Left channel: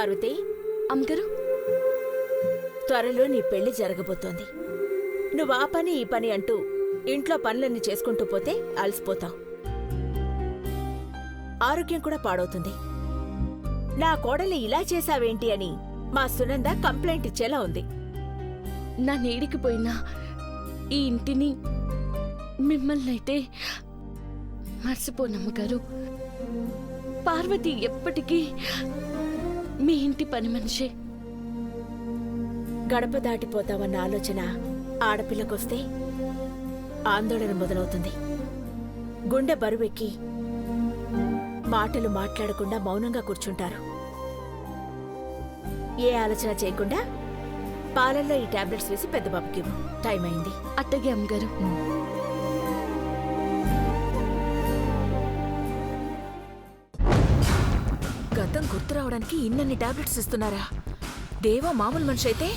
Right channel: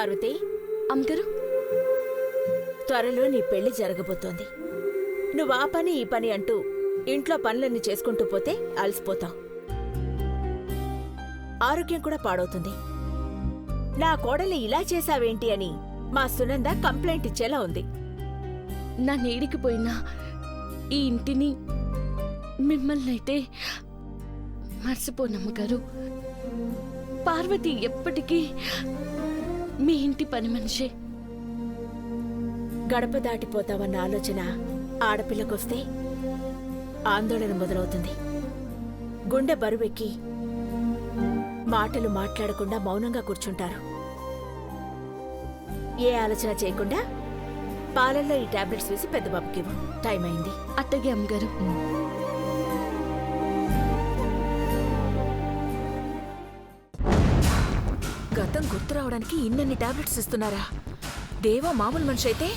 పార్వతి, అమ్మగారు, త్వరలో నీ పెళ్లి జరగబోతోంది. నువ్వు ఆ పని ఈ పని అంటూ ఇంట్లో పనులన్నీ చేసుకుంటూ పోతే అలసిపోతావు. ఆరోగ్యం కూడా పాడవుతుంది. నా కోడల్ని ఇలా చేశావేంటి అని మా సునంద కంప్లైంట్ ఇచ్చేలా ఉంది. నా నీడికి పోయినా ఈ ఇంటిని మిమ్మల్ని అయితే మర్చిపోనమ్మగారు. పార్వతి ఎప్పటికీ మీ ఇంటి పని మనిషే. గడప దాటిపోతావన్న ఆలోచన ఆడపిల్లకొస్తే ఆందోళన మొదలవుతుంది. గుండె బరువెక్కి మాటలు మాట్లాడకుండా మౌనంగా కూర్చుంటారు. ఏ ఆలోచన చేయకుండా పాలల్లో ఈ టాబ్లెట్స్ వేసి పెద్ద బాబుకివ్వు. టైం అయింది. అట్టగే అమ్మగారు. గతం గుర్తు రావడానికి ఇన్నన్ని టాబ్లెట్స్ ఇస్తున్నారా? దేవా మామూలు మనిషి అయితే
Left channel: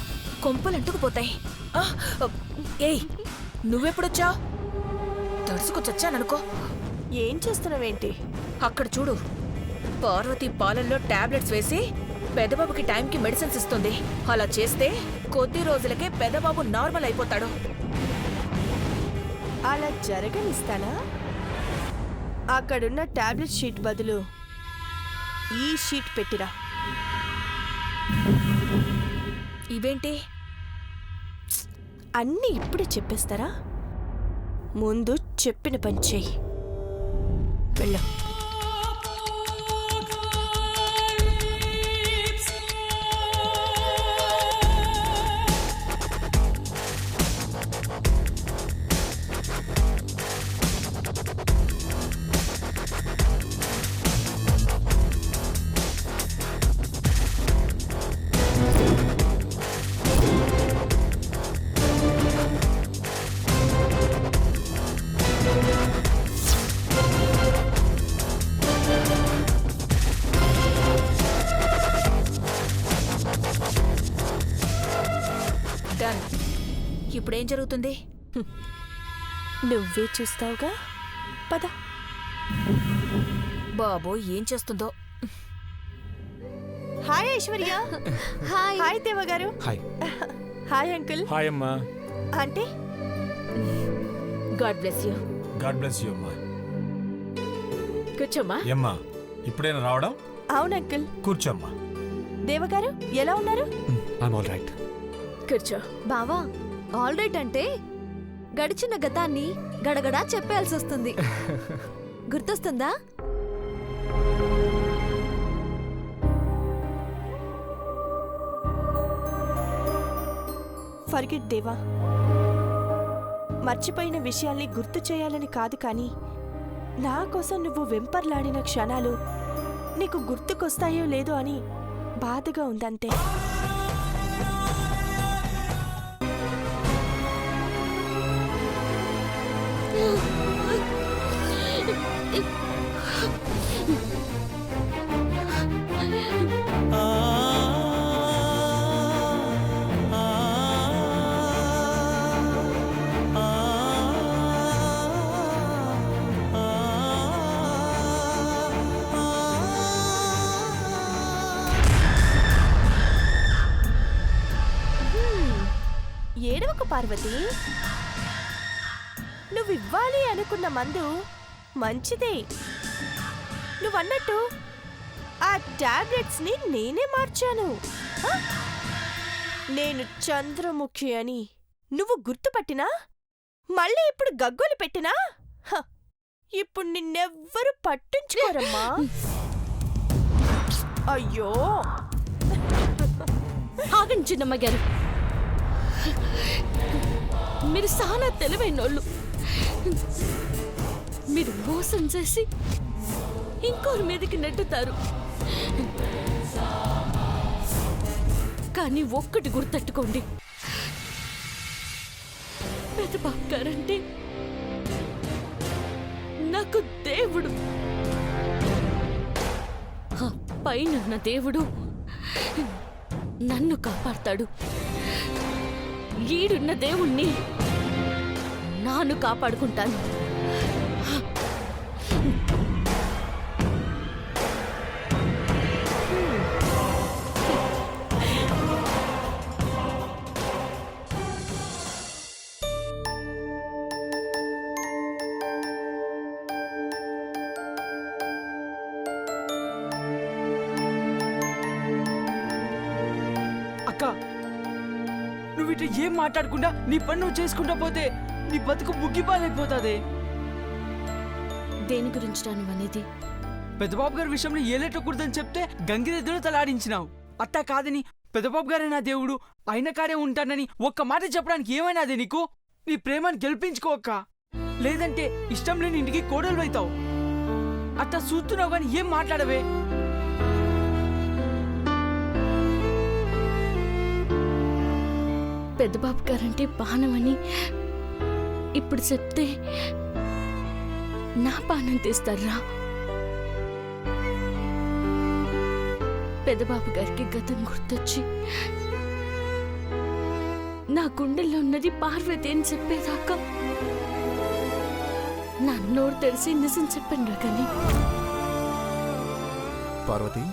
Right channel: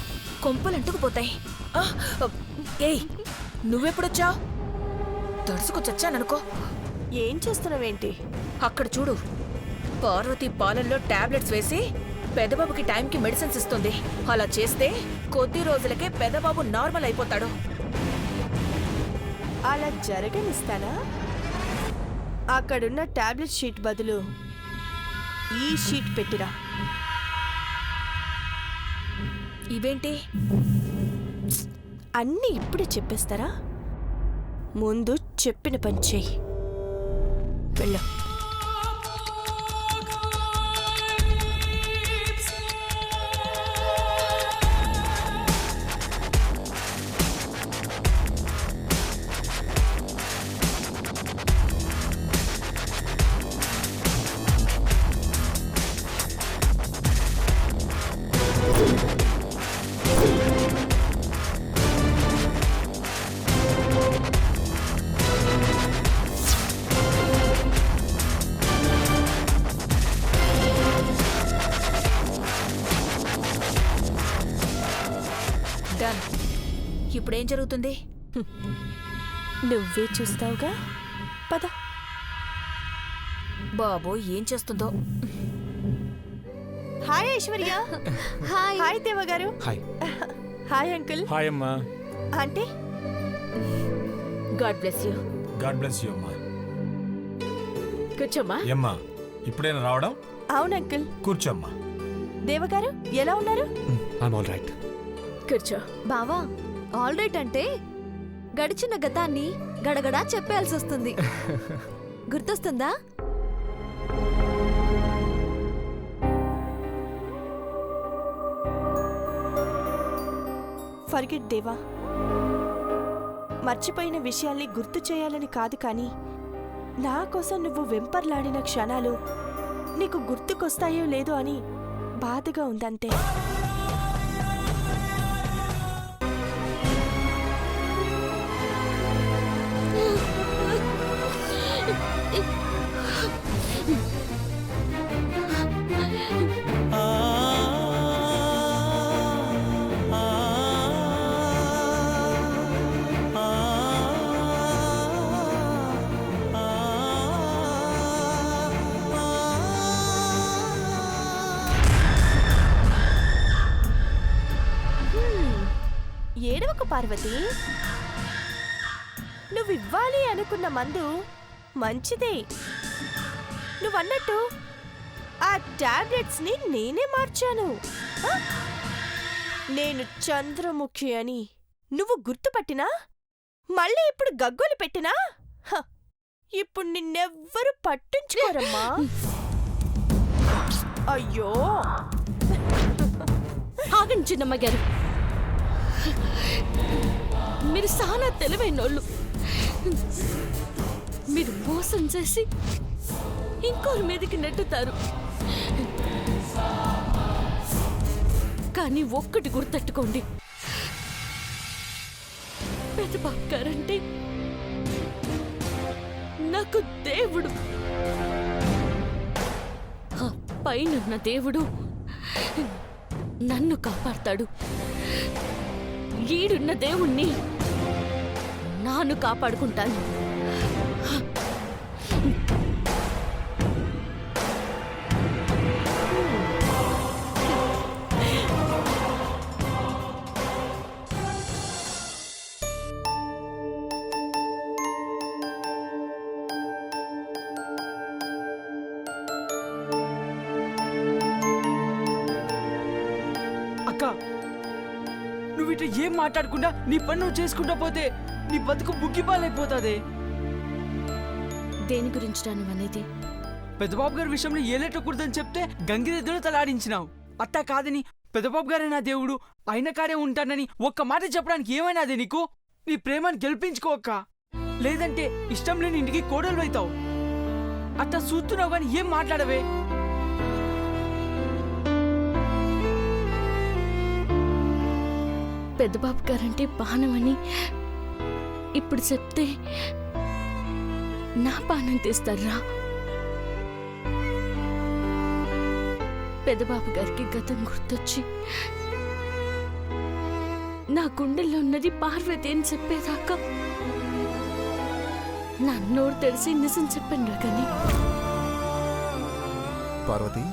కొంపలంటుకుపోతాయి. ఏయ్, నువ్వెప్పుడొచ్చావు? తడుసుకొచ్చొచ్చాననుకో. ఏం చేస్తున్నావేంటి? అక్కడ చూడు, పార్వతి పాలల్లో టాబ్లెట్స్ వేసి పెదబాబుకి టైంకి మెడిసిన్స్ ఇస్తుంది. అలా చేస్తే కొద్ది రోజులకే పెదబాబు నార్మల్ అయిపోతాడు. అలా జరగనిస్తానా? అక్కడున్న టాబ్లెట్ షీట్ బదులు ఈ షీట్ పెట్టిరా. ఇవేంటి? అన్నీ ఇప్పుడే చెప్పేస్తారా? ముందు చెప్పిన పని చెయ్యి. వెళ్ళు. డన్. ఇప్పుడేం జరుగుతుంది? నువ్వే చూస్తావుగా. పద. బాబో ఏం చేస్తుందో. హాయ్ ఐశ్వర్య. హాయ్. హాయ్ దేవగారు. హాయ్. Hi uncle. హాయ్ అమ్మా. అంటే God bless you. God bless you అమ్మా. కూర్చోమ్మా. ఏమ్మా, ఇప్పుడైనా రావడం? అవును అంకుల్. కూర్చోమ్మా. దేవగారు ఎలా ఉన్నారు? I'm all right. కూర్చో. బావా, ఆల్ రైట్ అంటే గడిచిన గతాన్ని గడగడా చెప్పాల్సి వస్తుంది. గుర్తొస్తుందా? ఫర్గెట్ దేవా. మర్చిపోయిన విషయాల్ని గుర్తు చేయాలని కాదు, కానీ నా కోసం నువ్వు వెంపర్లాడిన క్షణాలు నీకు గుర్తుకొస్తాయో లేదో అని బాధగా ఉందంతే. ఏడవకు పార్వతి. నువ్వివ్వాలి అనుకున్న మందు మంచిదే. నువ్వన్నట్టు ఆ టాబ్లెట్స్ ని నేనే మార్చాను. నేను చంద్రముఖి అని నువ్వు గుర్తుపట్టినా, మళ్ళీ ఇప్పుడు గగ్గోలు పెట్టినా ఇప్పుడు నిన్నెవ్వరూ పట్టించుకోరమ్మా. అయ్యో, ఆగండి చిన్నమ్మ గారు. మీరు చాలా తెలివైనోళ్ళు. మీరు మోసం చేసి ఇంకోరి మీదకి నెట్టుతారు. కానీ ఒక్కటి గుర్తెట్టుకోండి, పెద్దబాబు గారంటే నాకు దేవుడు. ఆ పైనున్న దేవుడు నన్ను కాపాడతాడు. ఈడున్న దేవుణ్ణి నాను కాపాడుకుంటాను. అక్క నువ్వు ఇట్లా ఏం మాట్లాడకుండా నీ పని నువ్వు చేసుకుంటా పోతే నీ బతుకు బుగ్గిపాలైపోతాదే. దేని గురించి నువ్వు అనేది? పెద్దబాబు గారి విషయంలో ఏలేటకూడదని చెప్తే గంగిరెద్దులో తలాడించినావు. అట్టా కాదని పెద్దబాబు గారే నా దేవుడు ఆయన కాడే ఉంటానని ఒక్క మాట చెప్పడానికి ఏమైనాదే నీకు? నీ ప్రేమను గెలిపించుకో అక్క, లేదంటే ఇష్టం లేని ఇంటికి కోడలు అవుతావు. అట్టా చూస్తున్నావు కానీ ఏం మాట్లాడవే? పెద్దబాబు గారంటే బాణమని ఇప్పుడు చెప్తే నా బాణం తీస్తారా? పెద్దబాబు గారికి గతం గుర్తొచ్చి నా గుండెల్లో ఉన్నది పార్వతి అని చెప్పేదాకా నా నోరు తెలిసి నిజం చెప్పండి కానీ పార్వతి,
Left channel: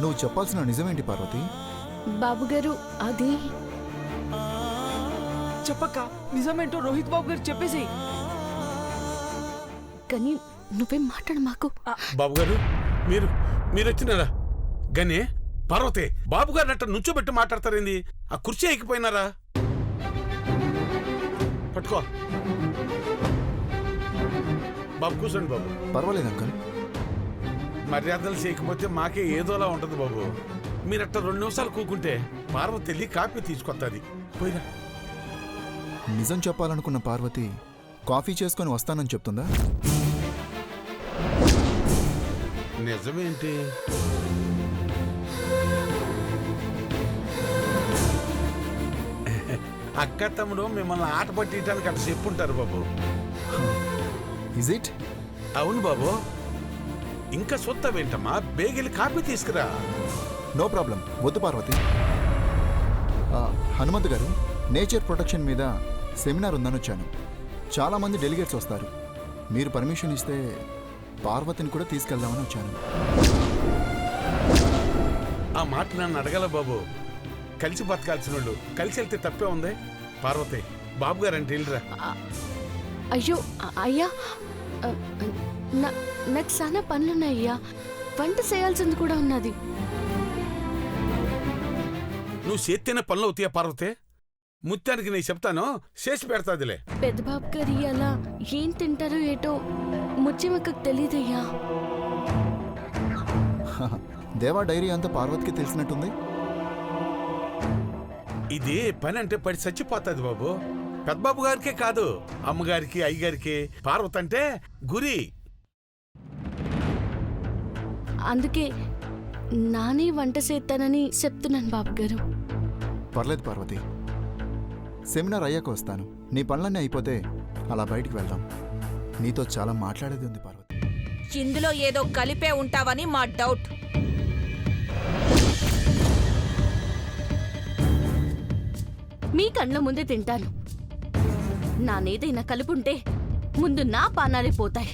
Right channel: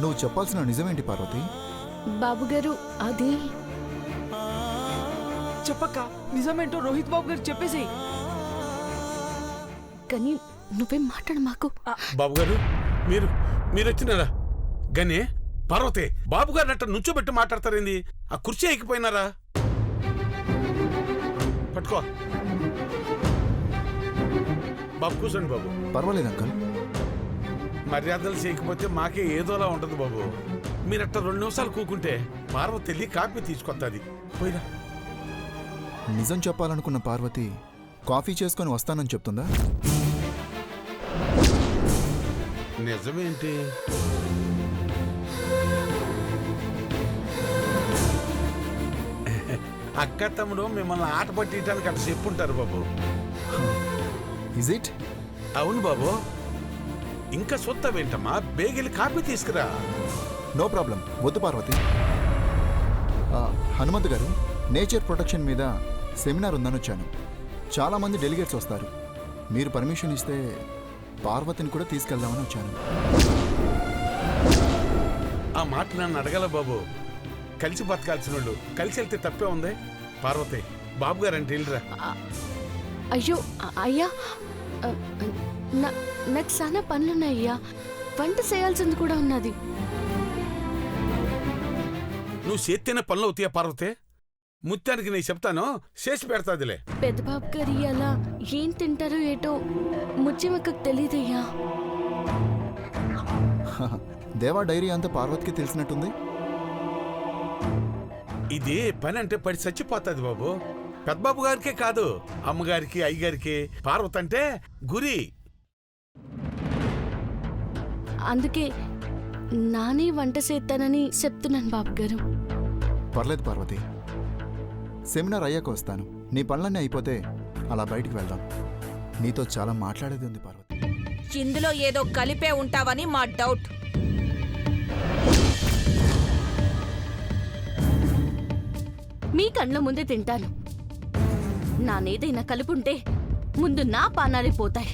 నువ్వు చెప్పాల్సిన నిజమేంటి పార్వతి? బాబుగారు అది చెప్పక్క, నిజమేంటో రోహిత్ బాబు గారు చెప్పేసి. కానీ నువ్వేం మాట్లాడు మాకు. బాబు గారు మీరు వచ్చినారా? గనే పార్వతి బాబు గారు అట్ట నుంచోబెట్టి మాట్లాడతారేంది? ఆ కుర్చీ ఎక్కిపోయినారా? పట్టుకో బాబు, కూర్చోండి బాబు. పర్వాలేదు అంకల్. మర్యాదలు చేయకపోతే మాకే ఏదోలా ఉంటది బాబు. మీరట్ట 2 నిమిషాలు కూకుంటే పార్వతి వెళ్ళి కాఫీ తీసుకొస్తుంది. పోయిరా. నిజం చెప్పాలనుకున్న పార్వతి కాఫీ చేసుకొని వస్తానని చెప్తుందా? నిజమేంటి? అక్క తమ్ముడు మిమ్మల్ని ఆట పట్టించడానికి అట్ట చెప్పుంటారు బాబు. Is it? అవును బాబు. ఇంకా సొత్తవేంటమ్మా, బేగిలి కాఫీ తీసుకురా. No problem. వద్దు పార్వతి. హనుమంత్ గారు, నేచర్ ప్రొటెక్షన్ మీద సెమినార్ ఉందని వచ్చాను. చాలామంది డెలిగేట్స్ వస్తారు. మీరు పర్మిషన్ ఇస్తే పార్వతిని కూడా తీసుకెళ్దామని వచ్చాను. ఆ మాట నన్ను అడగల బాబు. కలిసి బతకాల్సిన వాళ్ళు కలిసి వెళ్తే తప్పే ఉంది. పార్వతి బాబు గారంటే వెళ్ళిరా. అయ్యో అయ్యా, నాకు చాలా పనులున్నాయ్యా. వంట చేయాల్సింది కూడా ఉన్నది. నువ్వు చేస్తేనే పనులు అవుతాయా పార్వతి? ముత్యానికి నేను చెప్తాను, చేసి పెడతాదిలే. పెద్దబాబు గారి అలా ఏం తింటారో ఏటో ముత్యమక్కకు తెలీదయ్యా. దేవా డైరీ అంతా పార్వతికి తెలిసినట్టుంది. ఇది పని అంటే పడి చచ్చిపోతుంది బాబు. పెద్దబాబు గారికే కాదు, అమ్మగారికి అయ్యగారికి పార్వతి అంటే గురి. అందుకే నానే వంట చేస్తానని చెప్తున్నాను బాబు గారు. పర్లేదు పార్వతి, సెమినార్ అయ్యాక వస్తాను. నీ పనులన్నీ అయిపోతే అలా బయటికి వెళ్దాం. నీతో చాలా మాట్లాడేది ఉంది పార్వతి. ఇందులో ఏదో కలిపే ఉంటావని మా డౌట్. మీ కళ్ళ ముందే తింటాను. నానేదైనా కలుపుంటే ముందు నా పానాలే పోతాయి.